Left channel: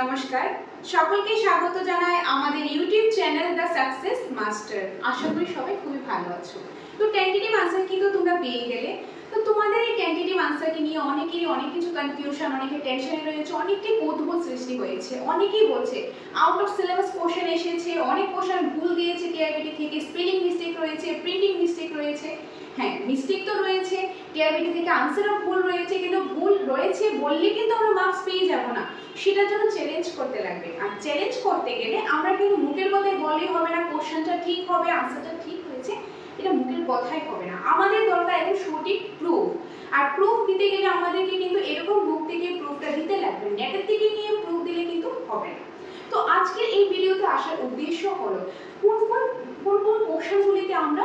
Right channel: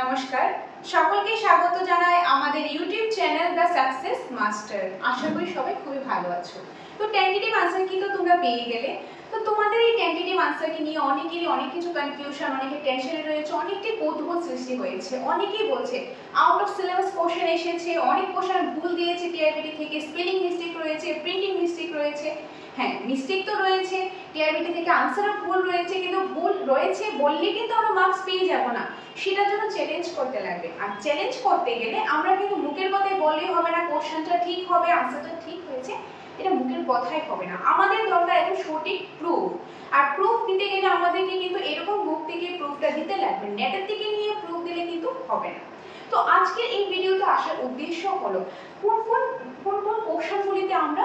নমস্কার, সকলকে স্বাগত জানাই আমাদের YouTube channel the success master. আশা করি সবাই খুবই ভালো আছো। তো টেন্টেটিভ আনসার কিন্তু তোমরা পেয়ে গেলে। তো তোমাদের এই টেন্টেটিভ আনসারকে নিয়ে অনেকেরই অনেক কিছু কনফিউশন, অনেকে টেনশনে রয়েছে, অনেকটাই কৌতূহল সৃষ্টি হয়েছে। অনেকেই বলছে আউট অফ সিলেবাস কোশ্চেন এসেছে, অনেক কোশ্চেন ভুল দিয়েছে টিআরবিটি থেকে, স্পেলিং মিস্টেক রয়েছে, প্রিন্টিং মিস্টেক রয়েছে। হ্যাঁ, মিস্টেক তো রয়েছে, টিআরবিটি থেকে আনসারও ভুল রয়েছে, কিন্তু ভুল রয়েছে বললে কিন্তু আমরা মার্কস পেয়ে যাব না, সেটার জন্য চ্যালেঞ্জ করতে লাগবে। আর চ্যালেঞ্জ করতে গেলে আমরা কিন্তু মুখের কথায় বললেই হবে না কোশ্চেনটা ঠিক হবে, আনসারটা ঠিক হয়েছে, এটা মুখের কথাই হবে না। আমাদের দরকার একদম সঠিক প্রুফ। আর প্রুফ দিতে গেলে আমাদেরকে কিন্তু এরকম বুক থেকে প্রুফটা দিতে লাগবে, নেটের থেকে নিয়ে প্রুফ দিলে কিন্তু হবে না। তো আজকে এই ভিডিওতে আসার উদ্দেশ্য হলো কোন কোশ্চেনগুলিতে আমরা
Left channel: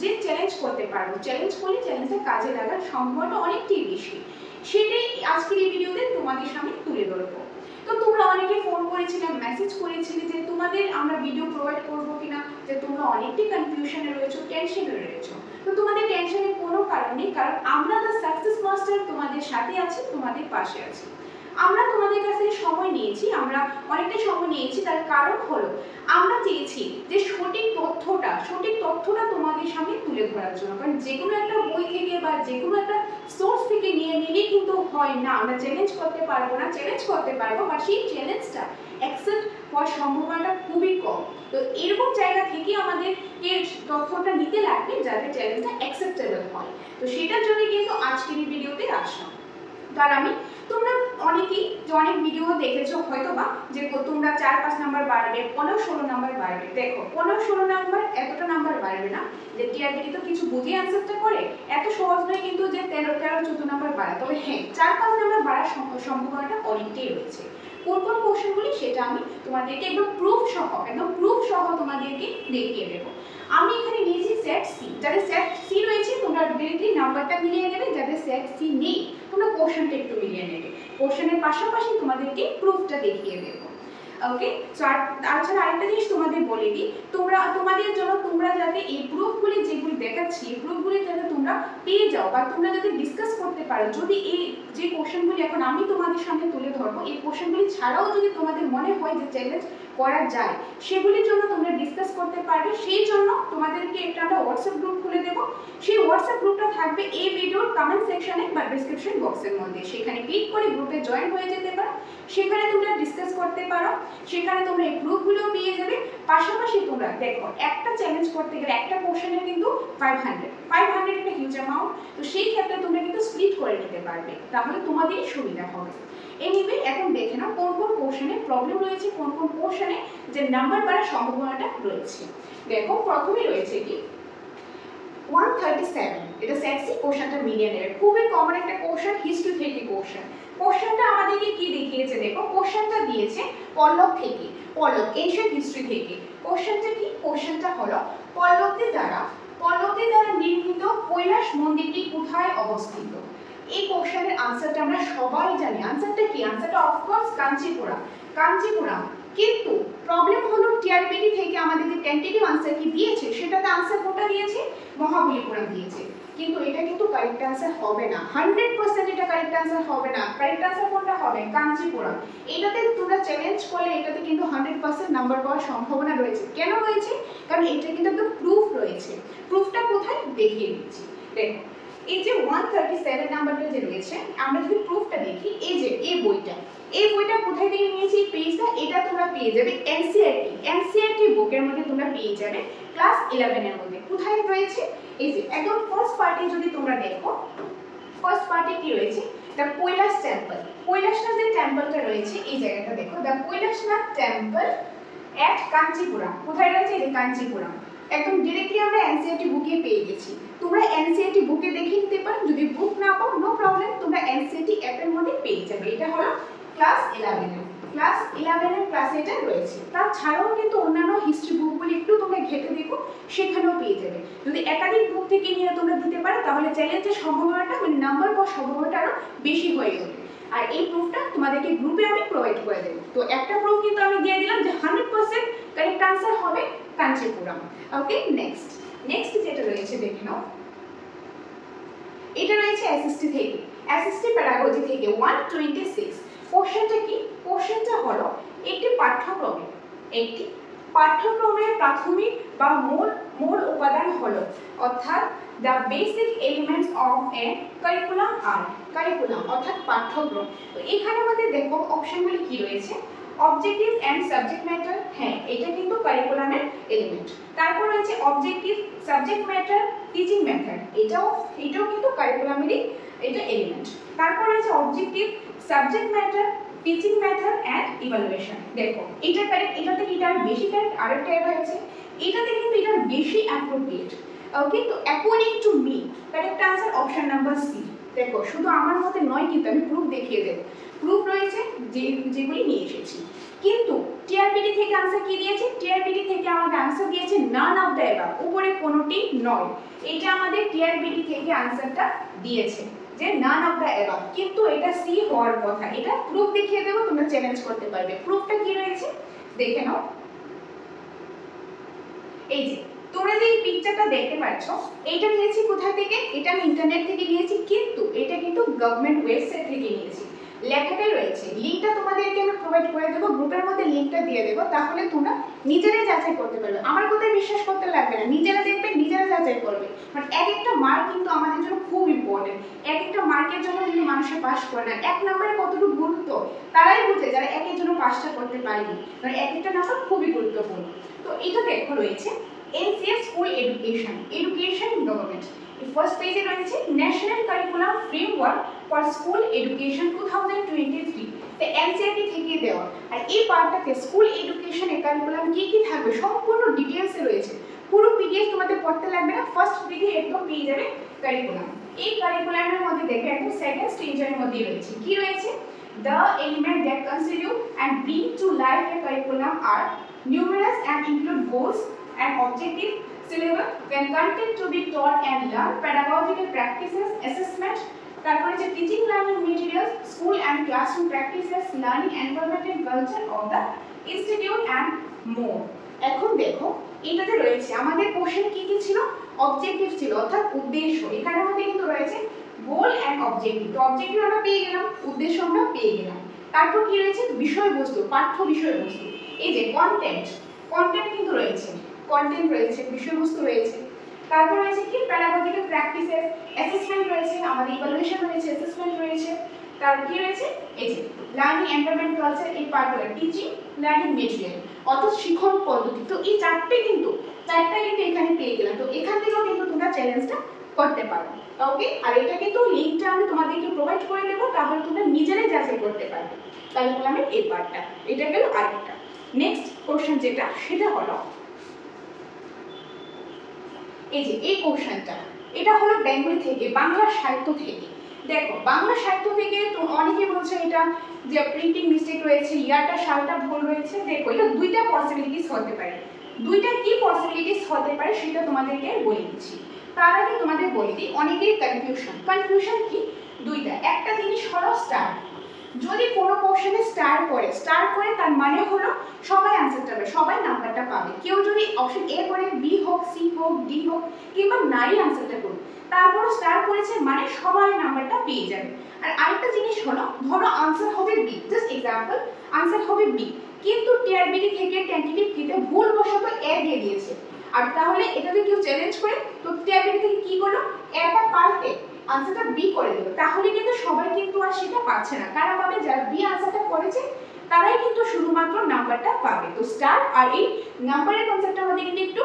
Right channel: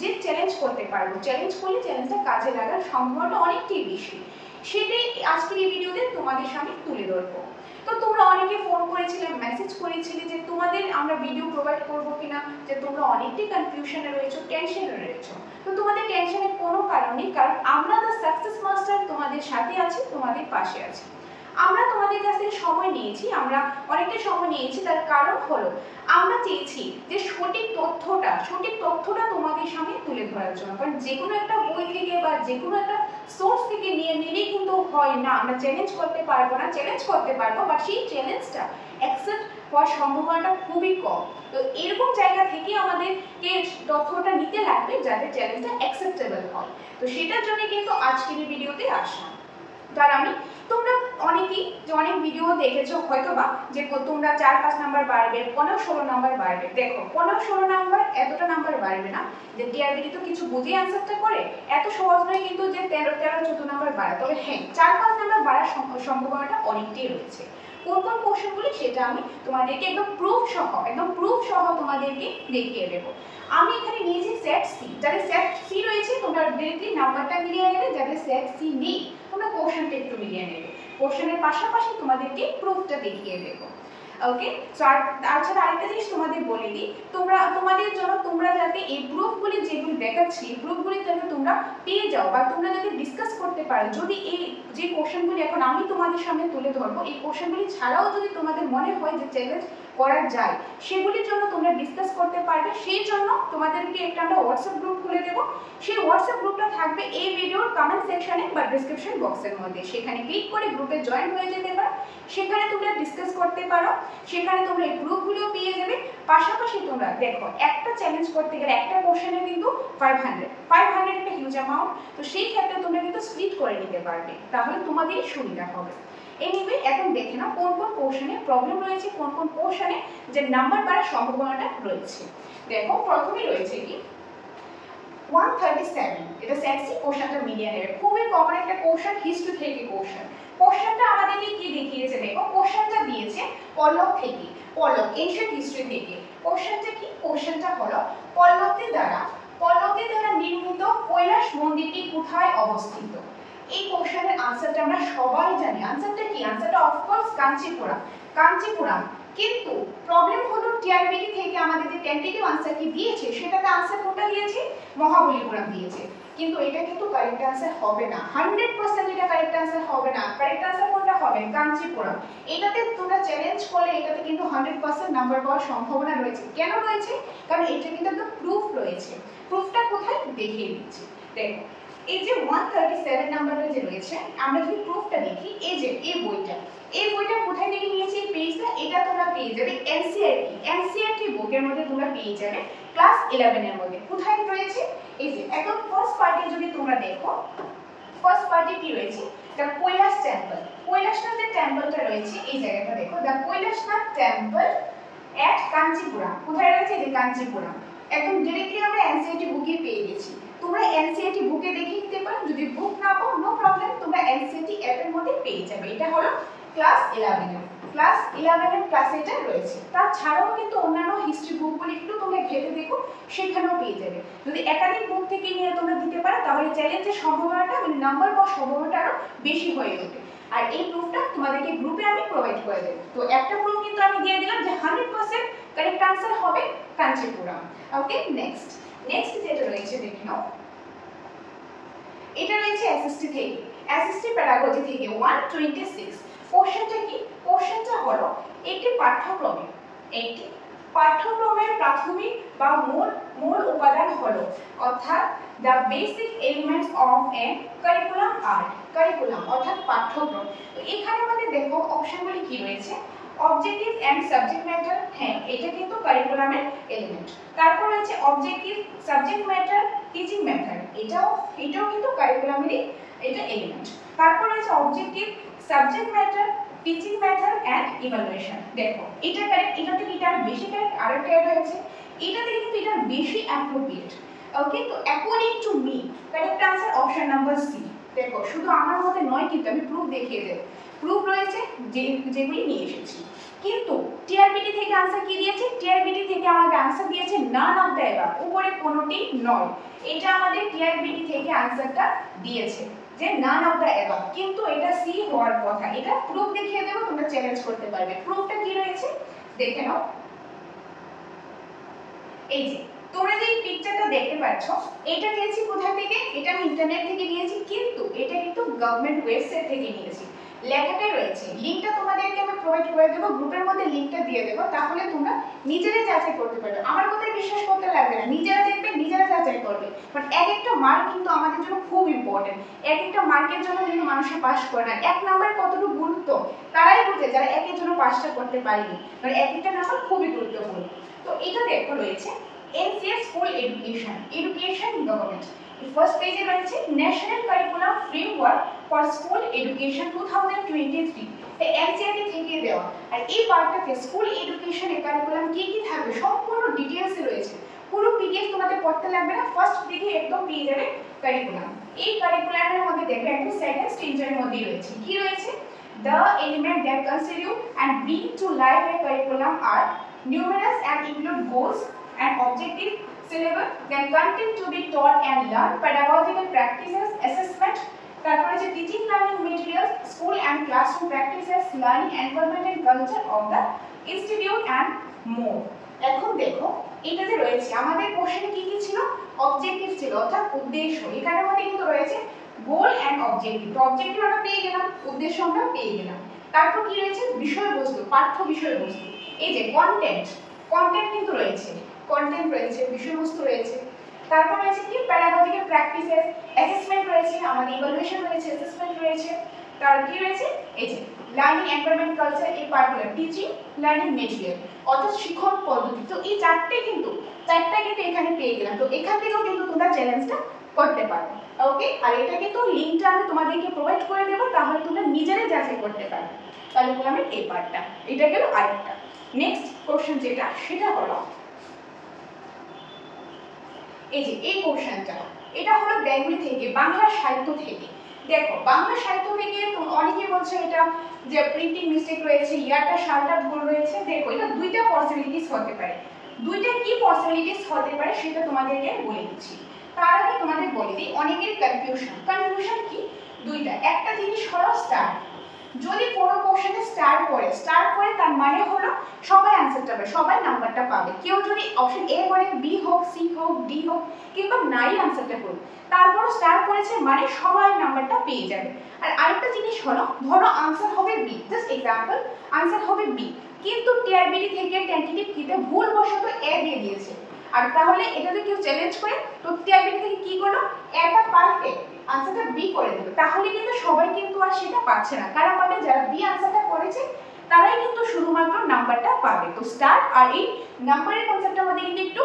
যে চ্যালেঞ্জ করতে পারবো, চ্যালেঞ্জ করলে চ্যালেঞ্জটা কাজে লাগার সম্ভাবনা অনেকটাই বেশি, সেটাই আজকের এই ভিডিওতে তোমাদের সামনে তুলে ধরবো। তো তোমরা অনেকে ফোন করেছিলে, মেসেজ করেছিলে যে তোমাদের আমরা ভিডিও প্রোভাইড করবো কিনা, যে তোমরা অনেকটাই কনফিউশনে রয়েছো, টেনশনে রয়েছো। তো তোমাদের টেনশনের কোনো কারণ নেই, কারণ আমরা দ্য সাকসেস মাস্টার তোমাদের সাথে আছি, তোমাদের পাশে আছি। আমরা তোমাদের কাছে সময় নিয়েছি, আমরা অনেকটা সময় নিয়েছি, তার কারণ হলো আমরা চেয়েছি যে সঠিক তথ্যটা তোমাদের সামনে তুলে ধরার জন্য। কারণ যে কোনো একটা বই থেকে বা যে কোনো একটা সোর্স থেকে নিয়ে নিলেই কিন্তু হয় না, আমরা চ্যালেঞ্জ করতে পারবো না, চ্যালেঞ্জ করতে পারবো বাট সেই চ্যালেঞ্জটা অ্যাকসেপ্ট হওয়ার সম্ভাবনাটা খুবই কম। তো এরকম জায়গা থেকে আমাদেরকে তথ্যটা নিতে লাগবে যাতে চ্যালেঞ্জটা অ্যাকসেপ্টেবল হয়। তো সেটার জন্য কিন্তু আজকের এই ভিডিওতে আসা। তার তোমরা অনেকেই যে অনেক ভিডিও দেখেছো হয়তোবা যে তোমরা 4-5 নাম্বার বাড়বে, 15-16 নাম্বার বাড়বে। দেখো 15-16 নাম্বার এতটা নাম্বার বাড়বে না, যে টিআরবিটি তো কিছু বুঝে আনসারটা করে, এত সহজ নয় কিন্তু যে 13-14 নাম্বার বাড়া। তবে হ্যাঁ, 4-5 নাম্বার বাড়ার সম্ভাবনাটা অনেকটাই রয়েছে। কোন কোশ্চেনগুলি সেটা আমি তোমাদেরকে একদম প্রুফ সহ তোমাদেরকে দেখিয়ে দেবো। আমি এখানে নিয়েছি সেট সি, যাদের সেট সি রয়েছে তোমরা ডিরেক্টলি নাম্বারটা মিলিয়ে নেবে, যাদের সেট সি নেই তোমরা কোশ্চেনটা একটু মিলিয়ে নেবে। কোশ্চেনের পাশাপাশি তোমাদেরকে প্রুফটা দেখিয়ে দেবো। ওকে, তাছাড়া আরেকটা জিনিস তোমাদের বলে দিই, তোমাদের জন্য তোমরা যাতে এই প্রুফগুলি যেগুলি দেখাচ্ছি, এই প্রুফগুলি যাতে তোমরা পেয়ে যাও বা তোমরা যাতে ডিসকাস করতে পারো। যদি এই যে কোশ্চেনগুলি এখন আমি তোমাদের সামনে তুলে ধরবো, এই কোশ্চেনগুলি ছাড়াও যদি তোমাদের মনে হয় যে চ্যালেঞ্জ করা যায়, সেগুলির জন্য তোমরা ডিসকাস করতে পারবে। সেই জন্য তোমাদেরকে একটা আমরা হোয়াটসঅ্যাপ গ্রুপ খুলে দেবো। সেই হোয়াটসঅ্যাপ গ্রুপটা থাকবে এই ভিডিওর কমেন্ট সেকশনে বা ডিসক্রিপশন বক্সের মধ্যে। সেখানে ক্লিক করে গ্রুপে জয়েন হয়ে যেতে পারো, সেখানে তোমরা ডিসকাস করতে পারো, সেখানে তোমরা এই প্রুফগুলো পেয়ে যাবে। পাশাপাশি তোমরা দেখো একটা চ্যালেঞ্জ করতে গেলে একটা কোশ্চেনের কিন্তু 500 একটা হিউজ অ্যামাউন্ট। তো সেই ক্ষেত্রে তোমরা কিন্তু স্প্লিট করে নিতে পারবে, তাহলে তোমাদেরই সুবিধা হবে। এনিওয়ে, এখন দেখে নাও কোন কোশ্চেনে প্রবলেম রয়েছে, কোন কোশ্চেনে যে নাম্বার বাড়ার সম্ভাবনাটা রয়েছে। দেখো প্রথমেই রয়েছে কি 137, এটা সেটসি কোশ্চেনটা মিলিয়ে নেবে। খুবই কমন একটা কোশ্চেন, হিস্ট্রি থেকে কোশ্চেনটা আমাদেরকে কি দেখিয়েছে দেখো। কোশ্চেনটা দিয়েছে পল্লব থেকে, এনশিয়েন্ট হিস্ট্রি থেকে। কোশ্চেনটা কি? কোশ্চেনটা হলো পল্লবদের দ্বারা নির্মিত কৈলাস মন্দিরটি কোথায় অবস্থিত। এই কোশ্চেনের আনসারটা আমরা সবাই জানি। আনসারটা কি? আনসারটা অফকোর্স কাঞ্চিপুরম। কিন্তু প্রবলেম হলো টিআরবিটি থেকে আমাদের যে টেন্টেটিভ আনসার কি দিয়েছে, সেটাতে আনসার কোনটা দিয়েছে? মহাবলীপুরম দিয়েছে। কিন্তু এটা কিন্তু কারেক্ট আনসার হবে না, 100% এটা কারেক্ট আনসার হবে না। কারেক্ট আনসার কোনটা হবে? কাঞ্চিপুরম। এটাতে তোমরা চ্যালেঞ্জ করলে এটাতে কিন্তু 100% নাম্বার পাওয়ার সম্ভাবনা রয়েছে। কেন রয়েছে? কারণ এটা কিন্তু একদম প্রুফ রয়েছে। প্রুফটা কোথায় দেখিয়ে দিচ্ছি। দেখো এই যে 137 নাম্বারটা যে রয়েছে, আমরা যদি প্রুফটা দেখি, এই যে এই বইটা কোথায় থেকে নিয়েছি? এই পেজটা এটা তোমরা পেয়ে যাবে এনসিইআরটি বুকের মধ্যে তোমরা পেয়ে যাবে ক্লাস 11 এর মধ্যে। কোথায় রয়েছে? এই যে একদম ফার্স্ট পার্টি যদি তোমরা দেখো, ফার্স্ট পার্টি কি রয়েছে? The Kailash temple. কৈলাসনাথ যে টেম্পলটা রয়েছে, এই জায়গাটা দেখো, দ্য কৈলাসনাথ টেম্পল এট কাঞ্চিপুরম। কোথায় রয়েছে? এই যে কাঞ্চিপুরম। একদম ডিরেক্টলি আমরা এনসিইআরটি বুকে পেয়ে গেছি। তোমরা এনসিইআরটি বুকে দেখে নিতে পারো, যদি বুক না পাও নো প্রবলেম, তোমরা এনসিইআরটি অ্যাপের মধ্যে পেয়ে যাবে। এটা হলো ক্লাস 11 এর ক্লাসে এটা রয়েছে। তাছাড়াও কিন্তু অন্যান্য হিস্ট্রি বুকগুলি একটু তোমরা ঘেটে দেখো, সেখানেও পেয়ে যাবে। যদি একাধিক বুক থেকে নিয়ে তোমরা দিতে পারো, তাহলে চ্যালেঞ্জের সম্ভাবনাটা মানে নাম্বার পাওয়ার সম্ভাবনাটা আরো বেশি হয়ে ওঠে। আর এই প্রুফটা তোমাদেরকে গ্রুপে আমি প্রোভাইড করে দেব। তো একটা প্রুফ কিন্তু আমি দিয়ে দিলাম যে 100% কারেক্ট আনসার হবে কাঞ্চিপুরম। ওকে, নেক্সট যেটা রয়েছে দেখে নাও। এটা রয়েছে এসএসটি থেকে, এসএসটি প্যাডাগজি থেকে 126। কোশ্চেনটা কি? কোশ্চেনটা হলো একটি পাঠ্যক্রমের প্রাথমিক বা মূল উপাদান হলো, অর্থাৎ the basic elements of a curriculum are curriculum অর্থাৎ পাঠ্যক্রম। তো এখানে আমাদের দেখো অপশনগুলি কি রয়েছে, অবজেক্টিভ এন্ড সাবজেক্ট ম্যাটার, হ্যাঁ এটা কিন্তু কারিকুলামের এলিমেন্ট। তারপর রয়েছে objective, subject matter, teaching method, এটাও কিন্তু কারিকুলামেরই এটা এলিমেন্ট। তারপর রয়েছে objective, subject matter, teaching method and evaluation. দেখো এটা কারেক্ট, এটা থেকে এটা বেশি কারেক্ট, আরেকটা অ্যাড হয়েছে এটাতে কিন্তু এটা বেশি অ্যাপ্রোপ্রিয়েট। কিন্তু according to me correct answer option number C. দেখো শুধু আমার মতে নয়, কিন্তু আমি প্রুফ দেখিয়ে দেব, প্রুফ রয়েছে যেগুলি নিয়ে এসেছি। কিন্তু টিআরবিটি থেকে আনসার কি দিয়েছে, টিআরবিটি থেকে আমাদের আনসার দিয়েছে নান অফ দ্য অ্যাবাভ, উপরে কোনোটি নয়। এটা আমাদের টিআরবিটি থেকে আনসারটা দিয়েছে যে নান অফ দ্য অ্যাবাভ, কিন্তু এটা সি হওয়ার কথা। এটা প্রুফ দেখিয়ে দেব, তোমরা চ্যালেঞ্জ করতে পারবে। প্রুফটা কি রয়েছে দেখে নাও। এই যে তোমরা যে পিকচারটা দেখতে পাচ্ছ, এটা নিয়েছি কোথা থেকে, এটা আমি ইন্টারনেট থেকে নিয়েছি, কিন্তু এটা কিন্তু গভর্নমেন্ট ওয়েবসাইট থেকে নিয়েছি। লেখাটাই রয়েছে, লিংকটা তোমাদেরকে আমি প্রোভাইড করে দেবো, গ্রুপের মধ্যে লিংকটা দিয়ে দেবো, তাহলে তোমরা নিজেরাই যাচাই করতে পারবে। আমার কথাই বিশ্বাস করতে লাগবে না, নিজেরা দেখবে, নিজেরা যাচাই করবে। বাট এক একটা মার্ক কিন্তু আমাদের জন্য খুব ইম্পর্টেন্ট। এক একটা মার্কের জন্য কিন্তু মানুষের পাস করে না। এক নাম্বারের কতটুকু গুরুত্ব তারাই বুঝে যারা একের জন্য পাসটা করতে পারেনি, কারণ এক একটা নাম্বার খুবই গুরুত্বপূর্ণ। তো এটা দেখো রয়েছে NCS School Education Government। First পেজে রয়েছে national curriculum framework for school education 2023, তো এনসিইআরটি থেকে দেওয়া। আর এই পার্টটাতে স্কুল এডুকেশনের কারিকুলাম কি কি থাকবে সম্পূর্ণ ডিটেইলসে রয়েছে। পুরো পিডিএফ তোমাদের পড়তে লাগবে না, ফার্স্ট পেজে একদম পেয়ে যাবে কারিকুলাম। এই কারিকুলামের মধ্যে দেখবে একদম সেকেন্ড স্টেজের মধ্যে রয়েছে কি রয়েছে, the element that constitute and bring to life a curriculum are numerous and include goals and objective, syllabus, then content to be taught and learned, pedagogical practices, assessment, তারপর আছে teaching learning materials, school and classroom practices, learning environment and culture of the institute and more। এখন দেখো এটাতে রয়েছে আমাদের question কি কি ছিল, অবজেক্টিভ ছিল অর্থাৎ উদ্দেশ্য। এখানে আমাদের কিন্তু রয়েছে গোল এন্ড অবজেক্টিভ। তো অবজেক্টিভ আমরা পেয়ে গেলাম, উদ্দেশ্য আমরা পেয়ে গেলাম। তারপর কি রয়েছে বিষয়বস্তু, পাঠ্য বিষয়বস্তু। এই যে কন্টেন্ট কিন্তু রয়েছে, কন্টেন্ট রয়েছে, বিষয়বস্তু রয়েছে। তারপর রয়েছে কি প্যাডাগজিক্যাল প্র্যাকটিসেস, অ্যাসেসমেন্ট রয়েছে, আমাদের ইভালুয়েশন রয়েছে, অ্যাসেসমেন্ট রয়েছে। তারপর কি রয়েছে এই যে লার্নিং এনভায়রনমেন্ট কালচার, এই পার্টগুলো টিচিং লার্নিং মেটেরিয়াল অর্থাৎ শিক্ষণ পদ্ধতি। তো এই চারটা কিন্তু এখানে পেয়ে গেলাম। তো এখান থেকেও কিন্তু তোমরা চ্যালেঞ্জটা করতে পারো, ওকে। আর এটা কিন্তু লিংকটা আমি তোমাদেরকে প্রোভাইড করে দেবো, তাহলে তোমরা নিজেরাই যাচাই করতে পারবে। তাহলে বললাম এই পার্টটা, এটা গেল আরেকটা। নেক্সট কোশ্চেন যেটা সেটা হলো এই যে এই কোশ্চেনটা, এটা হলো বেঙ্গলি থেকে, বাংলা সাহিত্য থেকে। দেখো বাংলা সাহিত্য থেকে অনেকে বলছে এটা যে প্রিন্টিং মিস্টেক রয়েছে, ইয়ারটা সালটা ভুল রয়েছে। দেখো এটা দুইটা পসিবিলিটিস হতে পারে। দুইটা কি পসিবিলিটিস হতে পারে সেটা তোমাদেরকে বলে দিচ্ছি। তার আগে তোমাদের বলে দিই অনেকেরই কনফিউশন কি দুইটা। একটা জিনিস হলো স্টার, যদি কোনো কোশ্চেনে স্টার করে তার মানে হলো সবাই অ্যানসারটা পাবে, সবাই নাম্বারটা পাবে। কেউ যদি অপশন এ করে, বি হোক, সি হোক, ডি হোক, কিংবা নাই অ্যানসারটা করবে, তারপর স্টার করেছে মানে সবাই নাম্বারটা পেয়ে যাবে। আর আরেকটা জিনিস হলো ধরো আনসার হবে বি, জাস্ট এক্সাম্পল আনসার হবে বি, কিন্তু টিআরবিটি থেকে টেন্টেটিভ কিতে ভুলবশত এ দিয়ে দিয়েছে। আর তাহলে এটা যদি কেউ চ্যালেঞ্জ করে, তো টিআরবিটি থেকে কি করলো, এটা পাল্টে আনসারটা বি করে দিল, তাহলে কিন্তু সবাই কিন্তু আর সেটা পাচ্ছে না। কারা পাবে, যারা বি আনসারটা করেছে তারাই কিন্তু শুধুমাত্র নাম্বারটা পাবে। তো স্টার আর এই নাম্বারের কনসেপ্টটা আমাদের কিন্তু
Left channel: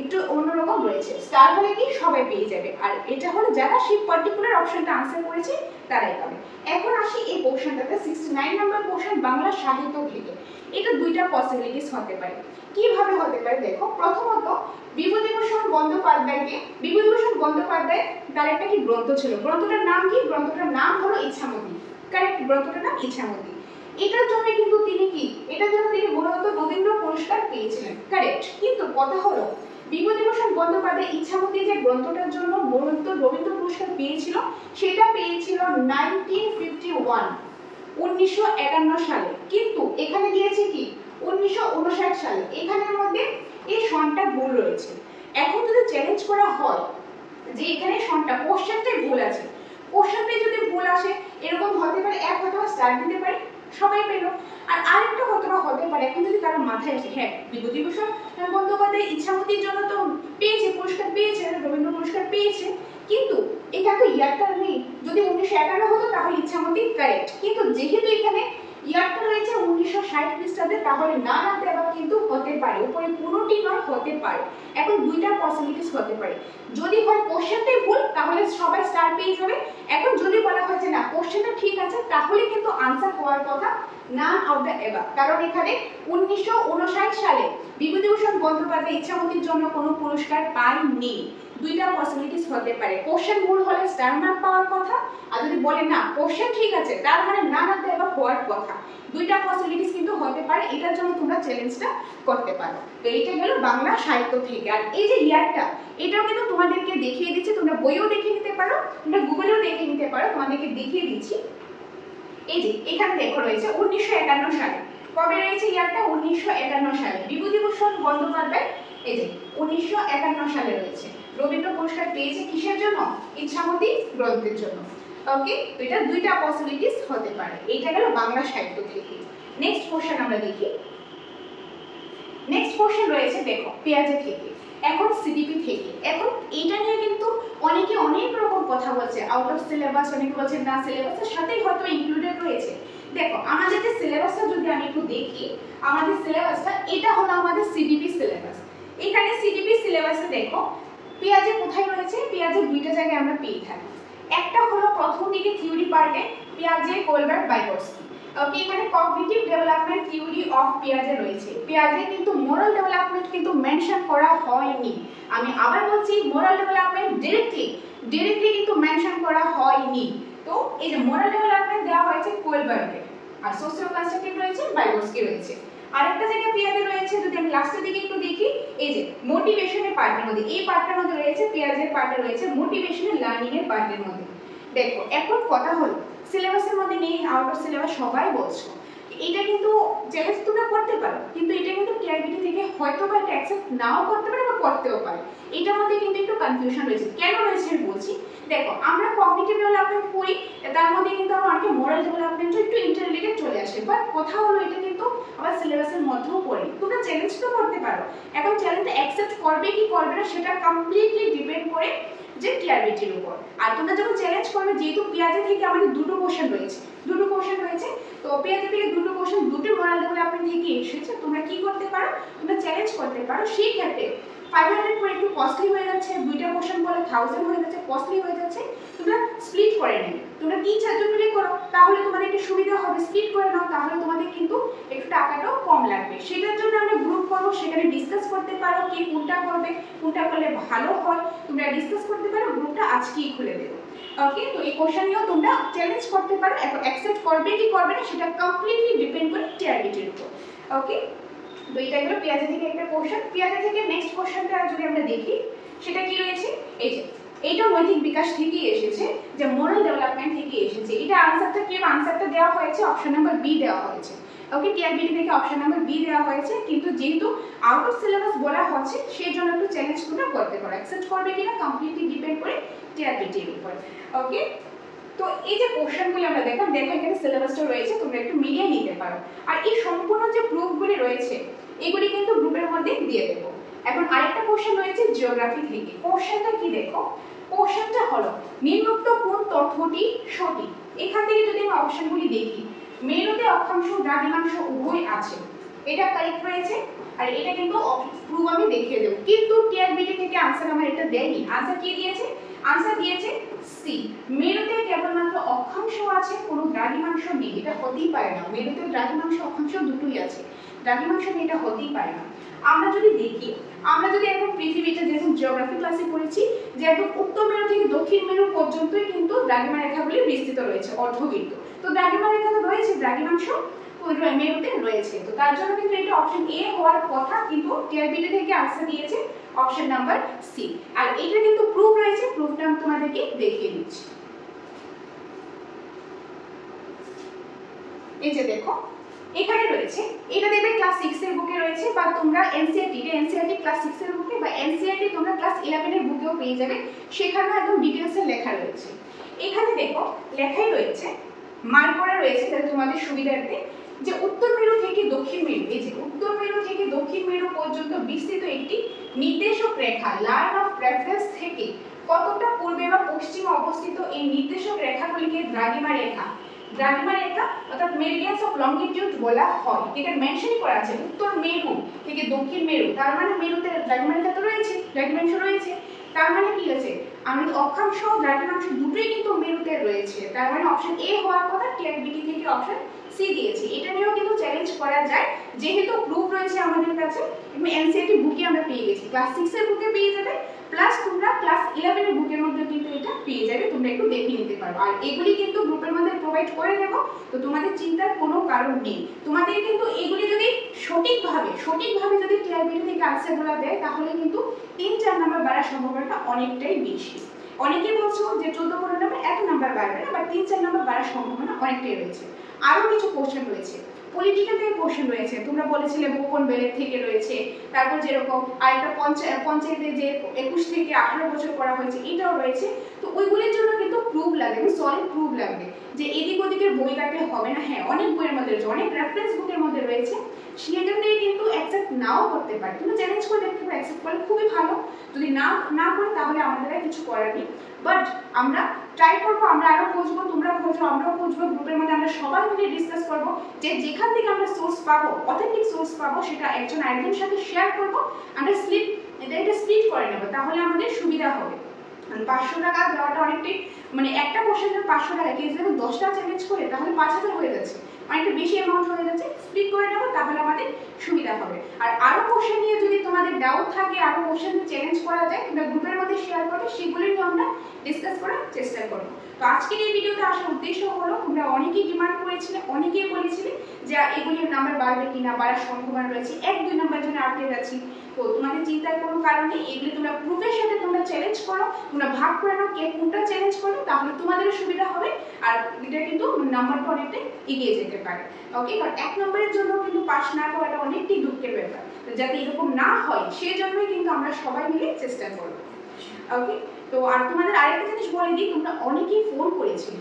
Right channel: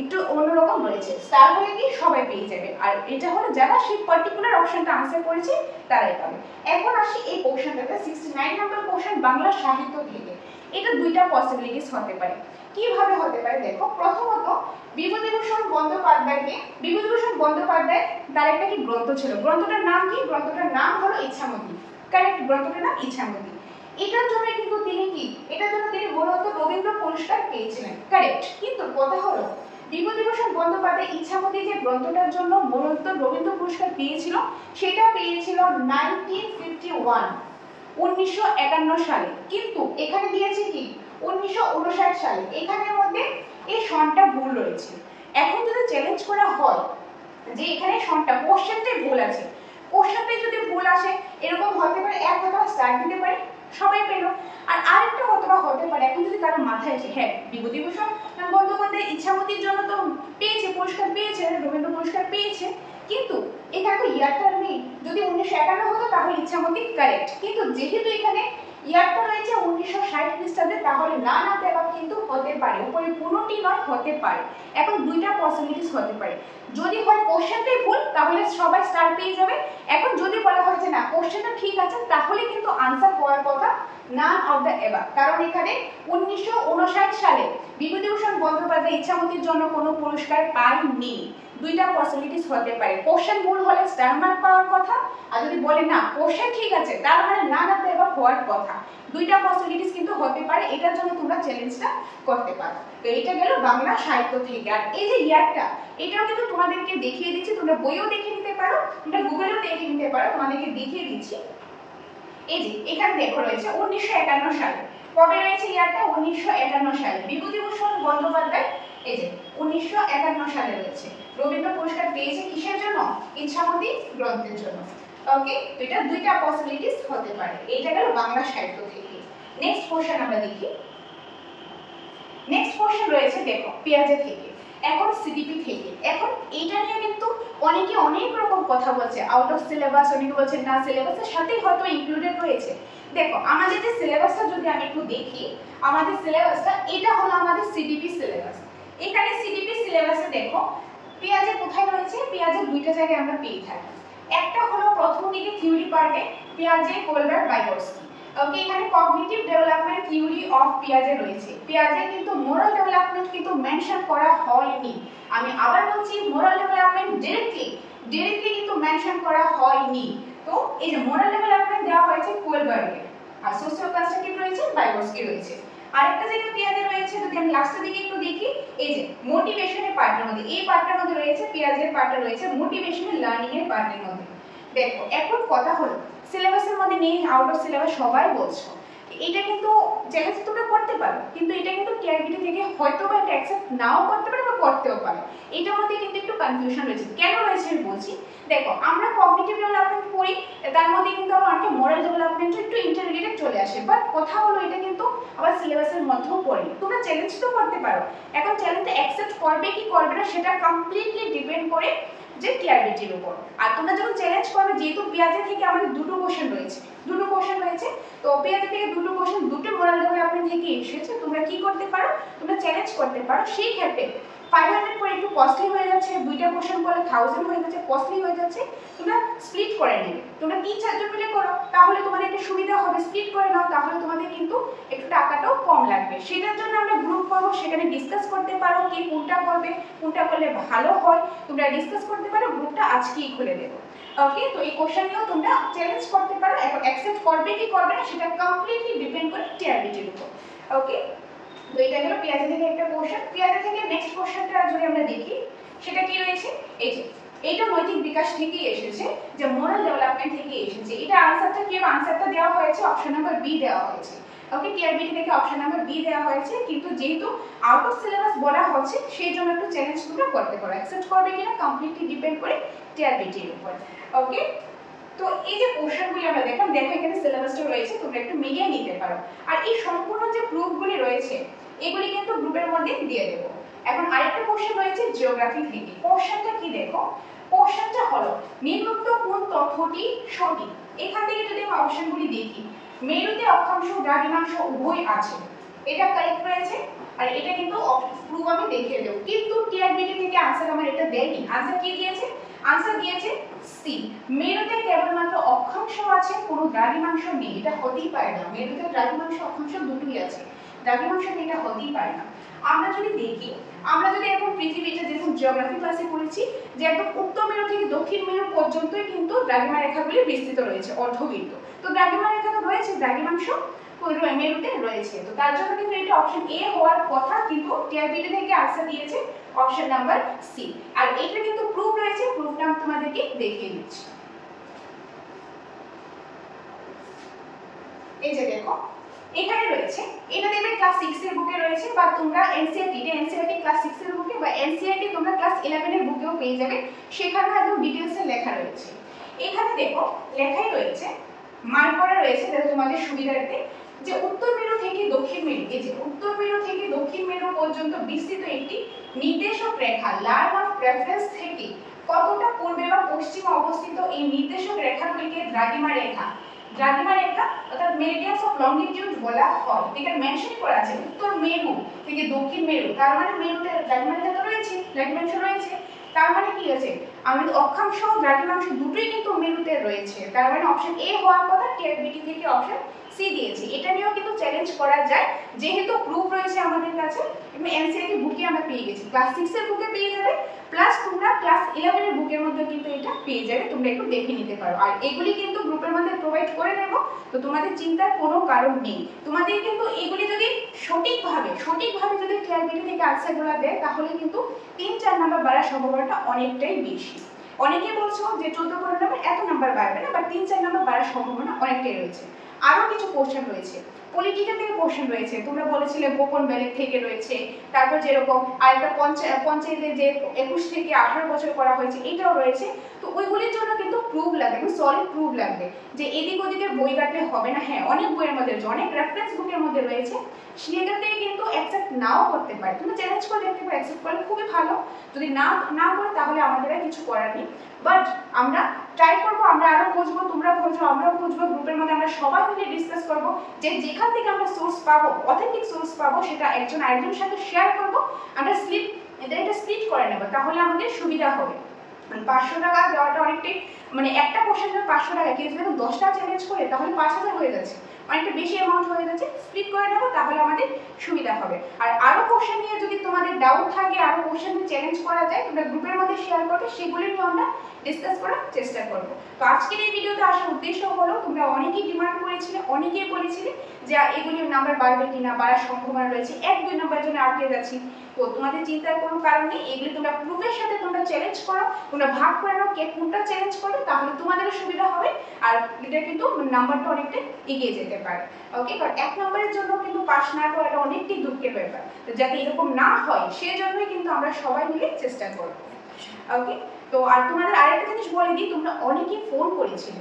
একটু অন্যরকম রয়েছে। স্টার হলে কি সবাই পেয়ে যাবে, আর এটা হলো যারা সেই পার্টিকুলার অপশনটা আনসার করেছে তারাই পাবে। এখন আসি এই কোশ্চেনটাতে, 69 নম্বর কোশ্চেন বাংলা সাহিত্য থেকে। এটা দুইটা পসিবিলিটিস হতে পারে। কিভাবে হতে পারে দেখো, প্রথমত বিভূতিভূষণ বন্দ্যোপাধ্যায় তার একটা কি গ্রন্থ ছিল, গ্রন্থটার নাম কি, গ্রন্থটার নাম হলো ইচ্ছামতি, কারেক্ট, গ্রন্থটার নাম ইচ্ছামতি। এটার জন্য কিন্তু তিনি মূলত রবীন্দ্র পুরস্কার পেয়েছিলেন, কারেক্ট। কিন্তু কথা হলো বিভূতিভূষণ বন্দ্যোপাধ্যায় ইচ্ছামতি যে গ্রন্থটার জন্য মূলত রবীন্দ্র পুরস্কার পেয়েছিল, সেটা পেয়েছিল 1951 সালে। কিন্তু এখানে দিয়েছে কি 1959 সালে। এখানের মধ্যে এই সনটা ভুল রয়েছে। এখন যদি চ্যালেঞ্জ করা হয় যে এখানে সনটা কোশ্চেনটাই ভুল আছে, কোশ্চেনটাই যদি ভুল আসে, এরকম হতে পারে এক অথবা স্টার দিতে পারে, সবাই পেলো। আর আরেকটা হতে পারে এখন যদি কারো মাথায় আসে হ্যাঁ বিভূতিভূষণ বন্দ্যোপাধ্যায় ইচ্ছামতির জন্য তো পেয়েছে, পুরস্কার পেয়েছে, রবীন্দ্র পুরস্কার পেয়েছে, কিন্তু এখানে তো ইয়ারটা নেই। যদি 1951 হতো তাহলে ইচ্ছামতি কারেক্ট, কিন্তু যেহেতু এখানে ইয়ারটা রয়েছে 1960 খ্রিস্টাব্দে, তাহলে না দেওয়া কিন্তু হতে পারে, উপরে কোনোটি নয়, হতে পারে। এখন দুইটা পসিবিলিটিস হতে পারে, যদি হয় কোশ্চেনটাই ভুল তাহলে সবাই স্টার পেয়ে যাবে। এখন যদি বলা হয় যে না কোশ্চেনটা ঠিক আছে তাহলে কিন্তু আনসার হওয়ার কথা নান অফ দ্য এবাভ, কারণ এখানে 1959 সালে বিভূতিভূষণ বন্দ্যোপাধ্যায় ইচ্ছামতির জন্য কোনো পুরস্কার পায়নি। দুইটা পসিবিলিটিস হতে পারে, কোশ্চেন ভুল হলে স্টার মার্ক পাওয়ার কথা, আর যদি বলে না কোশ্চেন ঠিক আছে তার মানে নান অফ দ্য এবাভ হওয়ার কথা। দুইটা পসিবিলিটিস কিন্তু হতে পারে, এটার জন্য তোমরা চ্যালেঞ্জটা করতে পারো। তো এটা গেল বাংলা সাহিত্য থেকে। আর এই যে ইয়ারটা এটাও কিন্তু তোমাদেরকে দেখিয়ে দিচ্ছি, তোমরা বইও দেখে নিতে পারো, তোমরা গুগলেও দেখে নিতে পারো, তোমাদেরকে দেখিয়ে দিচ্ছি। এই যে এখানে দেখো রয়েছে 1951 সালে, কবে রয়েছে ইয়ারটা 1951 সালে বিভূতিভূষণ বন্দ্যোপাধ্যায়, এই যে 1951 সালে রয়েছে। রবীন্দ্র পুরস্কার পেয়েছে কিসের জন্য? ইচ্ছামতি গ্রন্থের জন্য। ওকে, তো এটা দুইটা পসিবিলিটিস হতে পারে। এটা গেল বাংলা সাহিত্য থেকে। নেক্সট কোশ্চেন আমরা দেখি। নেক্সট কোশ্চেন রয়েছে দেখো পেঁয়াজে থেকে, এখন সিডিপি থেকে। এখন এটা নিয়ে কিন্তু অনেকে অনেক রকম কথা বলছে, আউট অফ সিলেবাস, অনেকে বলছে না সিলেবাসের সাথেই হয়তো ইনক্লুডেড রয়েছে। দেখো আমাদের যে সিলেবাসটা যদি আমি একটু দেখি, আমাদের সিলেবাসটা এটা হলো আমাদের সিডিপি সিলেবাস। এখানে সিডিপি সিলেবাসে দেখো পেঁয়াজে কোথায় রয়েছে, পেঁয়াজের দুইটা জায়গায় আমরা পেয়ে থাকি। একটা হলো প্রথম দিকে থিওরি পার্টে পিয়াজে, কোলবার্ট, বাইকটস্কি। ওকে, এখানে কগনিটিভ ডেভেলপমেন্ট থিওরি অফ পিয়াজে রয়েছে। পিয়াজে কিন্তু মোরাল ডেভেলপমেন্ট কিন্তু মেনশন করা হয়নি। আমি আবার বলছি মোরাল ডেভেলপমেন্ট ডিরেক্টলি কিন্তু মেনশন করা হয়নি। তো এই যে মোরাল ডেভেলপমেন্ট দেওয়া হয়েছে কোলবার্টকে, আর সোশিও কনস্ট্রাকটিভ রয়েছে বাইকটস্কি রয়েছে। আরেকটা জায়গা পিয়াজে রয়েছে, যদি আমি লাস্টের দিকে একটু দেখি, এই যে মোটিভেশনের পার্টের মধ্যে, এই পার্টটার মধ্যে রয়েছে পিয়াজের পার্টে রয়েছে মোটিভেশনাল লার্নিং এর পার্টের মধ্যে। দেখো এখন কথা হলো সিলেবাসের মধ্যে নেই, আউট অফ সিলেবাস সবাই বলছো, এটা কিন্তু চ্যালেঞ্জ তোমরা করতে পারো, কিন্তু এটা কিন্তু টিআরবিটি থেকে হয়তো বা এটা অ্যাকসেপ্ট নাও করতে পারে বা করতেও পারে। এটার মধ্যে কিন্তু একটু কনফিউশন রয়েছে। কেন রয়েছে আমি বলছি। দেখো আমরা কগনিটিভ ডেভেলপমেন্ট পড়ি, তার মধ্যে কিন্তু আমরা অনেকে মোরাল ডেভেলপমেন্ট একটু ইন্টাররিলেটেড চলে আসে, বাট কথা হলো এটা কিন্তু আবার সিলেবাসের মধ্যেও পড়ে। তোমরা চ্যালেঞ্জ তো করতে পারো, এখন চ্যালেঞ্জটা অ্যাকসেপ্ট করবে কি করবে না সেটা কমপ্লিটলি ডিপেন্ড করে যে টিআরবিটির উপর। আর তোমরা যখন চ্যালেঞ্জ করবে, যেহেতু পেঁয়াজে থেকে আমাদের দুটো কোশ্চেন রয়েছে, তো পেঁয়াজে থেকে দুটো কোশ্চেন দুটো মোরাল ডেভেলপমেন্ট থেকে এসেছে, তোমরা কি করতে পারো, তোমরা চ্যালেঞ্জ করতে পারো। সেই ক্ষেত্রে 500 করে একটু কস্টলি হয়ে যাচ্ছে, দুইটা কোশ্চেন করলে 1000 হয়ে যাচ্ছে, কস্টলি হয়ে যাচ্ছে, তোমরা স্প্লিট করে নেবে। তোমরা 3-4 জন মিলে করো, তাহলে তোমাদের একটু সুবিধা হবে। স্প্লিট করে নাও, তাহলে তোমাদের কিন্তু একটু টাকাটাও কম লাগবে। সেটার জন্য আমরা গ্রুপ করব, সেখানে ডিসকাস করতে পারো কে কোনটা করবে, কোনটা করলে ভালো হয়, তোমরা ডিসকাস করতে পারো। গ্রুপটা আজকেই খুলে দেবো। ওকে, তো এই কোশ্চেন নিয়েও তোমরা চ্যালেঞ্জ করতে পারো। এখন অ্যাকসেপ্ট করবে কি করবে না সেটা কমপ্লিটলি ডিপেন্ড করে টিআরবিটির উপর। ওকে, তো এটা গেল পেঁয়াজে থেকে একটা কোশ্চেন। পেঁয়াজে থেকে নেক্সট কোশ্চেনটা যদি আমরা দেখি, সেটা কি রয়েছে, এই যে এইটা নৈতিক বিকাশ থেকেই এসেছে, যে মোরাল ডেভেলপমেন্ট থেকে এসেছে। এটা আনসারটা কি, আনসারটা দেওয়া হয়েছে অপশন নাম্বার বি দেওয়া হয়েছে। ওকে, টিআরবিটি থেকে অপশন নাম্বার বি দেওয়া হয়েছে, কিন্তু যেহেতু আউট অফ সিলেবাস বলা হচ্ছে সেই জন্য একটু চ্যালেঞ্জ তোমরা করতে পারো। অ্যাকসেপ্ট করবে কিনা কমপ্লিটলি ডিপেন্ড করে টিআরবিটির উপর। ওকে, তো এই যে কোশ্চেনগুলি আমরা দেখো এখানে সিলেবাসটা রয়েছে, তোমরা একটু মিলিয়ে নিতে পারো। আর এই সম্পূর্ণ যে প্রুফগুলি রয়েছে এগুলি কিন্তু গ্রুপের মধ্যে দিয়ে দেবো। এখন আরেকটা কোশ্চেন রয়েছে জিওগ্রাফি থেকে। কোশ্চেনটা কি দেখো, কোশ্চেনটা হলো নিম্নোক্ত কোন তথ্যটি সঠিক। এখান থেকে যদি আমি অপশনগুলি দেখি, মেরুতে অক্ষাংশ দ্রাঘিমাংশ উভয় আছে, এটা কারেক্ট রয়েছে। আর এটা কিন্তু প্রুফ আমি দেখিয়ে দেবো, কিন্তু টিআরবিটি থেকে আনসার আমার এটা দেয়নি। আনসার কি দিয়েছে, আনসার দিয়েছে সি, মেরুতে কেবলমাত্র অক্ষাংশ আছে, কোনো দ্রাঘিমাংশ নেই। এটা হতেই পারে না, মেরুতে দ্রাঘিমাংশ অক্ষাংশ দুটোই আছে, দ্রাঘিমাংশ নেই, এটা হতেই পারে না। আমরা যদি দেখি, আমরা যদি এখন পৃথিবীটা যেরকম জিওগ্রাফি ক্লাসে পড়েছি যে একদম উত্তর মেরু থেকে দক্ষিণ মেরু পর্যন্তই কিন্তু দ্রাঘিমা রেখাগুলি বিস্তৃত রয়েছে, অর্ধবৃত্ত। তো দ্রাঘিমা রেখা তো রয়েছে, দ্রাঘিমাংশ মেরুতে রয়েছে, তো তার জন্য কিন্তু এটা অপশন এ হওয়ার কথা, কিন্তু টিআরবিটি থেকে আনসার দিয়েছে অপশন নাম্বার সি। আর এটা কিন্তু প্রুফ রয়েছে, প্রুফটা আমি তোমাদেরকে দেখিয়ে দিচ্ছি। এই যে দেখো এখানে রয়েছে, এটা দেখবে ক্লাস 6 এর বুকে রয়েছে, বা তোমরা এনসিইআরটি ক্লাস 6 এর বুকে বা এনসিইআরটি তোমরা ক্লাস 11 এর বুকেও পেয়ে যাবে, সেখানেও একদম ডিটেইলসে লেখা রয়েছে। এখানে দেখো লেখাই রয়েছে মার্ক করা রয়েছে যাতে তোমাদের সুবিধার্থে, যে উত্তর মেরু থেকে দক্ষিণ মেরু, এই যে উত্তর মেরু থেকে দক্ষিণ মেরু পর্যন্ত বিস্তৃত একটি নির্দেশক রেখা লাইন অফ রেফারেন্স থেকে কতটা পূর্বে বা পশ্চিমে অবস্থিত এই নির্দেশক রেখাগুলিকে দ্রাঘিমা রেখা অর্থাৎ মেরিডিয়ানস অফ লংগিটিউড বলা হয়। এখানে মেনশন করা আছে উত্তর মেরু থেকে দক্ষিণ মেরু, তার মানে মেরুতে দ্রাঘিমা রেখা তো রয়েছে, দ্রাঘিমাংশ রয়েছে, তার মানে কি আছে আমাদের অক্ষাংশ দ্রাঘিমাংশ দুটোই কিন্তু মেরুতে রয়েছে, তার মানে অপশন এ হওয়ার কথা, টিআরবিটি থেকে অপশন সি দিয়েছি। এটা নিয়েও কিন্তু চ্যালেঞ্জ করা যায়, যেহেতু প্রুফ রয়েছে আমাদের কাছে, এনসিইআরটি বুকে আমরা পেয়ে গেছি, ক্লাস 6 এর বুকে পেয়ে যাবে, প্লাস তোমরা ক্লাস 11 এর বুকের মধ্যে কিন্তু এটা পেয়ে যাবে, তোমরা একটু দেখে নিতে পারো। আর এগুলি কিন্তু গ্রুপের মধ্যে প্রোভাইড করে দেব, তো তোমাদের চিন্তার কোনো কারণ নেই। তোমাদের কিন্তু এগুলি যদি সঠিকভাবে যদি টিআরবিটি থেকে আনসারগুলো দেয়, তাহলে কিন্তু 3-4 নাম্বার বাড়ার সম্ভাবনাটা অনেকটাই বেশি। অনেকে বলছো যে 14-15 নাম্বার এত নাম্বার বাড়বে না, বাট 3-4 নাম্বার বাড়ার সম্ভাবনা অনেকটাই রয়েছে। আরো কিছু কোশ্চেন রয়েছে, পলিটিক্যাল থেকে কোশ্চেন রয়েছে, তোমরা বলেছিলে গোপন ব্যালেট থেকে রয়েছে, তারপর যেরকম আরেকটা পঞ্চায়েতে যে 21 থেকে 18 বছর করা হয়েছে এটাও রয়েছে। তো ওইগুলির জন্য কিন্তু প্রুফ লাগবে, সলিড প্রুফ লাগবে, যে এদিক ওদিকের বই কাটলে হবে না। হ্যাঁ, অনেক বইয়ের মধ্যে রয়েছে, অনেক রেফারেন্স বুকের মধ্যে রয়েছে, সেখান থেকে কিন্তু অ্যাকসেপ্ট নাও করতে পারে। তুমি চ্যালেঞ্জ করে দেখতে পারো, অ্যাকসেপ্ট করলে খুবই ভালো, যদি না করে তাহলে আমাদের আর কিছু করার নেই। বাট আমরা ট্রাই করবো, আমরা আরো খুঁজবো, তোমরা খুঁজবো, আমরাও খুঁজবো, গ্রুপের মধ্যে আমরা সবাই মিলে ডিসকাস করবো, যে যেখান থেকে আমরা সোর্স পাবো, অথেন্টিক সোর্স পাবো, সেটা একজন আরেকজনের সাথে শেয়ার করবো, আমরা এটা স্প্লিট করে নেবো, তাহলে আমাদের সুবিধা হবে। 500 টাকা দেওয়াটা অনেকটাই, মানে একটা কোশ্চেনের 500 টাকা, কেউ যদি 10টা চ্যালেঞ্জ করে তাহলে 5000 হয়ে যাচ্ছে, অনেকটা বেশি অ্যামাউন্ট হয়ে যাচ্ছে। স্প্লিট করে নেবো, তাহলে আমাদের সুবিধা হবে। আর আরো কোশ্চেন নিয়ে যদি তোমাদের ডাউট থাকে, আরো কোশ্চেন চ্যালেঞ্জ করা যায়, তোমরা গ্রুপের মধ্যে শেয়ার করবে, সেগুলো নিয়ে আমরা ডিসকাস করার চেষ্টা করবো। তো আজকের এই ভিডিওতে আসার উদ্দেশ্য হলো, তোমরা অনেকেই ডিমান্ড করেছিলে, অনেকেই বলেছিলে যে এগুলির নাম্বার বাড়বে কিনা, বাড়ার সম্ভাবনা রয়েছে, 1-2 নাম্বার জন্য আটকে যাচ্ছি। তো তোমাদের চিন্তার কোনো কারণ নেই, এগুলি তোমরা প্রুফের সাথে তোমরা চ্যালেঞ্জ করো, তোমরা ভাগ করে নাও কে কোনটা চ্যালেঞ্জ করবে, তাহলে তোমাদেরও সুবিধা হবে, আর এটা কিন্তু নাম্বারটা অনেকটা এগিয়ে যেতে পারে। ওকে, কারণ 1 নম্বরের জন্য কিন্তু পাস না করাটা অনেকটাই দুঃখের ব্যাপার, তো যাতে এরকম না হয় সেজন্যই কিন্তু আমরা সবাই মিলে চেষ্টা করব। ওকে, তো আর তোমাদের আরেকটা জিনিস বলে দিই, তোমরা অনেকেই ফোন করেছিলে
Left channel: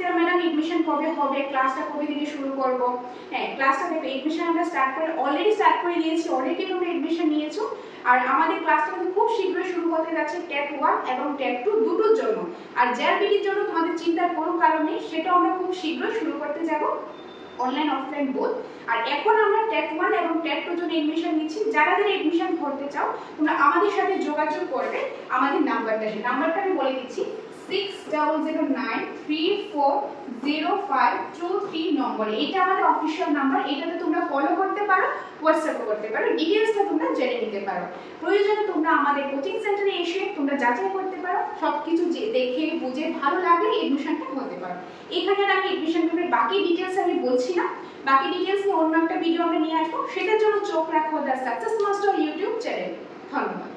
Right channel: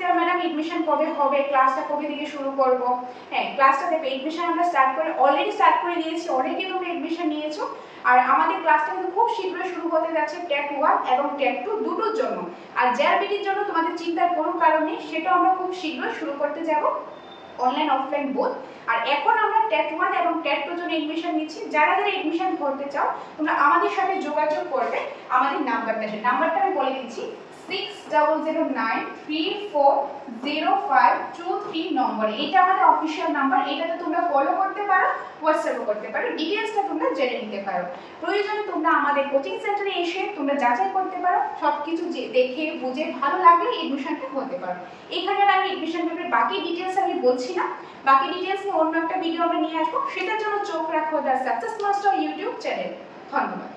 যে ম্যাডাম এডমিশন কবে হবে, ক্লাসটা কবে থেকে শুরু করব। হ্যাঁ, ক্লাসটা দেখো, এডমিশন আমরা অলরেডি স্টার্ট করে দিয়েছি, অনেকেই তোমরা এডমিশন নিয়েছো। আর আমাদের ক্লাসটা কিন্তু খুব শীঘ্রই শুরু হতে যাচ্ছে টেট 1 এবং টেট 2 দুটোর জন্য। আর জেআরবিটির জন্য তোমাদের চিন্তার কোনো কারণ নেই, সেটা আমরা খুব শীঘ্রই শুরু করতে যাব, অনলাইন অফলাইন বোথ। আর এখন আমরা টেট 1 এবং টেট 2 জন্য এডমিশন নিচ্ছি। যারা এডমিশন করতে চাও, তোমরা আমাদের সাথে যোগাযোগ করবে, আমাদের নাম্বারটা আমি বলে দিচ্ছি, 6009340523 নম্বরে। এটা আমাদের অফিশিয়াল নাম্বার, এটাতে তোমরা ফলো করতে পারো, হোয়াটসঅ্যাপও করতে পারো, ডিটেইলসটা তোমরা জেনে নিতে পারো। প্রয়োজনে তোমরা আমাদের কোচিং সেন্টারে এসে তোমরা যাচাই করতে পারো, সবকিছু দেখে বুঝে ভালো লাগলে এডমিশনটা হতে পারো। এখানে আর আমি এডমিশন পেপারের বাকি ডিটেইলস আমি বলছি না, বাকি ডিটেইলস নিয়ে অন্য একটা ভিডিও আমরা নিয়ে আসবো, সেটার জন্য চোখ রাখো দ্য সাকসেস মাস্টার ইউটিউব চ্যানেলে। ধন্যবাদ।